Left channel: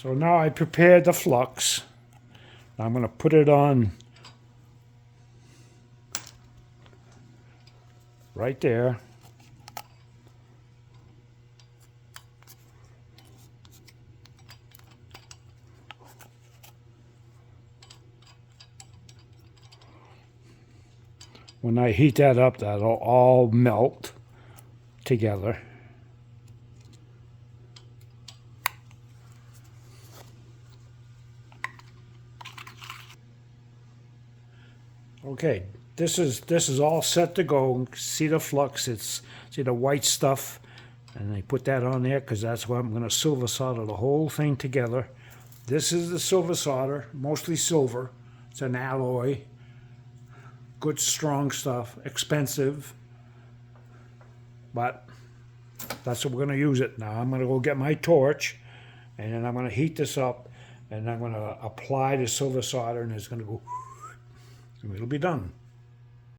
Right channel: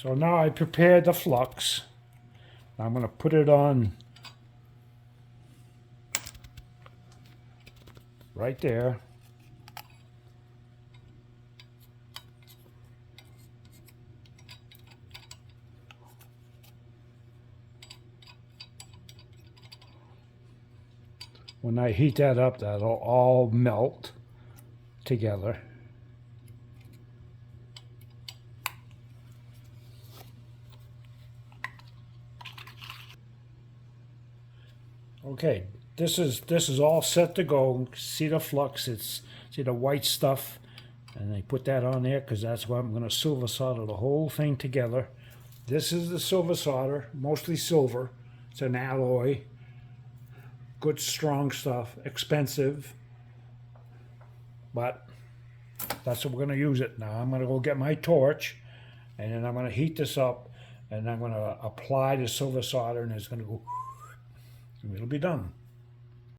So now I prepared the flux. I'm going to put it on right there. When I heat that up, that'll all melt together. Okay, this is all set to go. See the flux? See the white stuff, and I put that on there because that's what I'm going to silver solder the whole thing together. This is the silver solder, mostly silver. It's an alloy. Good strong stuff, expensive, but that's what we're going to use it. Now I'm going to go get my torch, and then I'm going to heat this up, and I'm going to apply the silver solder, and it's going to go, and it'll be done.